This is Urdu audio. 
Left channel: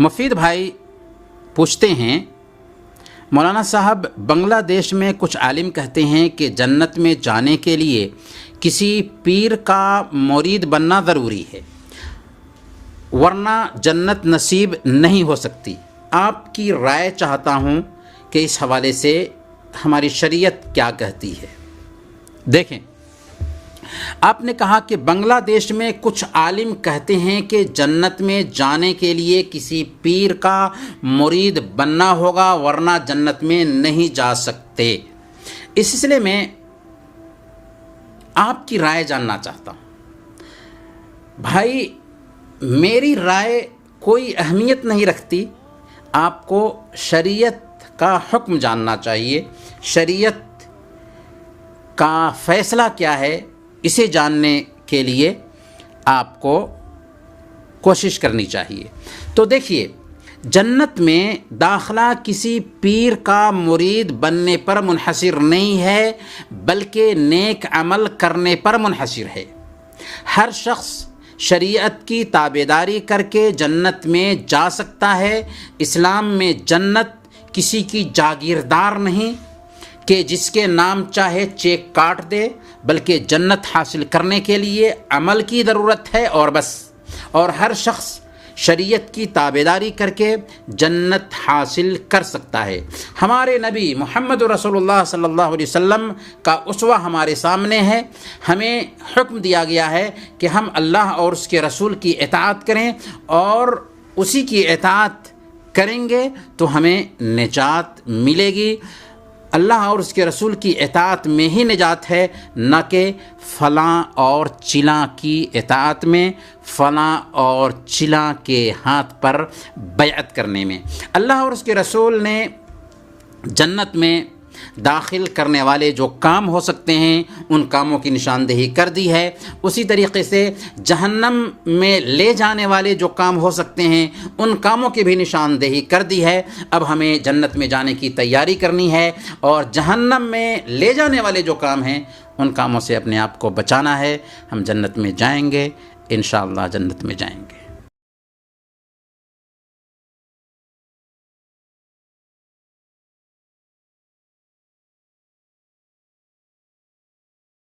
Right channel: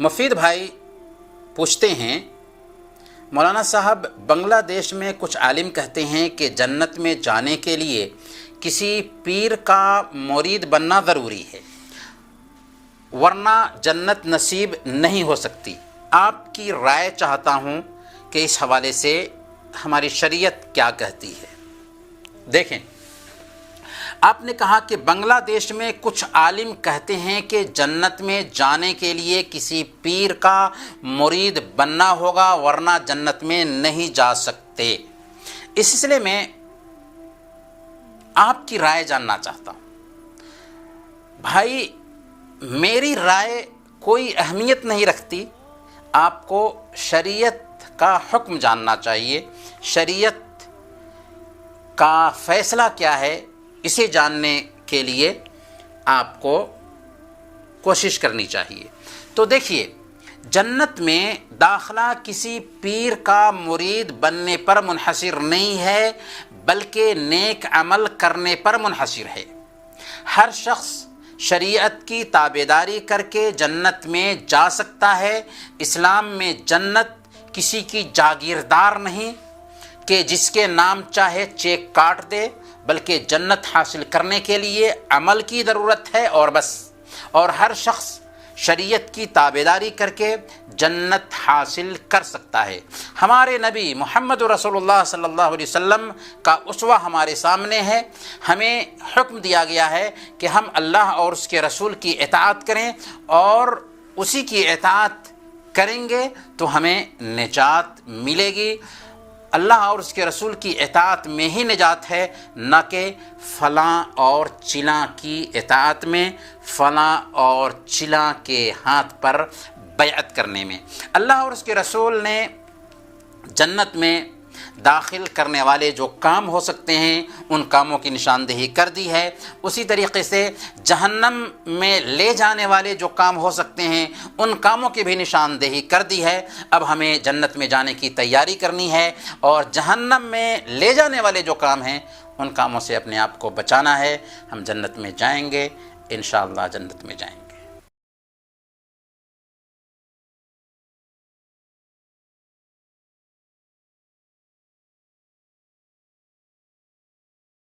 مفید بھائی پوچھتے ہیں، مولانا صاحب بنگلہ دیش میں کچھ عالم کہتے ہیں کہ جنت میں جانے کے لیے کسی پیر کا مرید بننا ضروری ہے ورنہ جنت نصیب نہیں ہو سکتی۔ آپ کی رائے چاہتا ہوں کہ اس حوالے سے ہماری شریعت کیا کہتی ہے۔ دیکھیں، آپ نے کہا کہ بنگلہ دیش میں کچھ عالم کہتے ہیں کہ جنت میں جانے کے لیے کسی پیر کا مرید بننا ہوگا ورنہ جنت میں نہیں جا سکتے۔ اس سلسلے میں آپ کی رائے جاننا چاہتا ہوں۔ بھائی، میری رائے کوئی اہمیت نہیں رکھتی، آپ کو شریعت کا حکم جاننا چاہیے، شریعت کا فیصلہ کیا ہے اسے جاننے کے لیے آپ کو کوشش کرنی چاہیے۔ تو دیکھیے، جنت میں داخلہ کسی پیر کا مرید بننے پر منحصر نہیں ہے بلکہ نیک عمل کرنے پر منحصر ہے۔ ہر شخص شریعت کی تابعداری کر کے جنت میں جا سکتا ہے۔ اسلام میں جنت کسی کی جاگیردار نہیں کہ جس کے نام چاہے چیک کاٹ دے، بلکہ جنت حاصل کرنے کے لیے عمل کی ضرورت ہے اور بس۔ اور ہر شخص شریعت کی تابعداری کر کے جنت حاصل کر سکتا ہے۔ ہمارے نبی محمد رسول اللہ صلی اللہ علیہ وسلم کا اسوہ ہمارے سامنے ہے۔ ہمیں حکم دیا گیا ہے کہ ہم اللہ اور اس کے رسول کی اطاعت کریں، اور اسی کی اطاعت کریں گے تو ہمیں نجات ملے گی۔ اللہ اور اس کے رسول کی اطاعت میں ہی نجات ہے، نہ کہ فلاں اور چلاں کی اطاعت میں، فلاں اور چلاں کے ہاتھ پر بیعت کرنے میں۔ اللہ اور اس کے رسول نے جنت میں داخل کرنے والے جو کام ہو سکتے ہیں ان کاموں کی نشاندہی کر دی ہے۔ اسی طریقے سے جہنم میں لے جانے والے جو کام ہو سکتے ہیں ان کاموں کی بھی نشاندہی کر دی ہے۔ اب ہمیں جنت میں جانے کی تیاری کرنی ہے، اور جہنم میں لے جانے والے جو کام ہیں ان کاموں سے اپنے آپ کو بچانا ہے۔ ہم جنت میں جائیں گے، انشاءاللہ جنت میں جائیں گے۔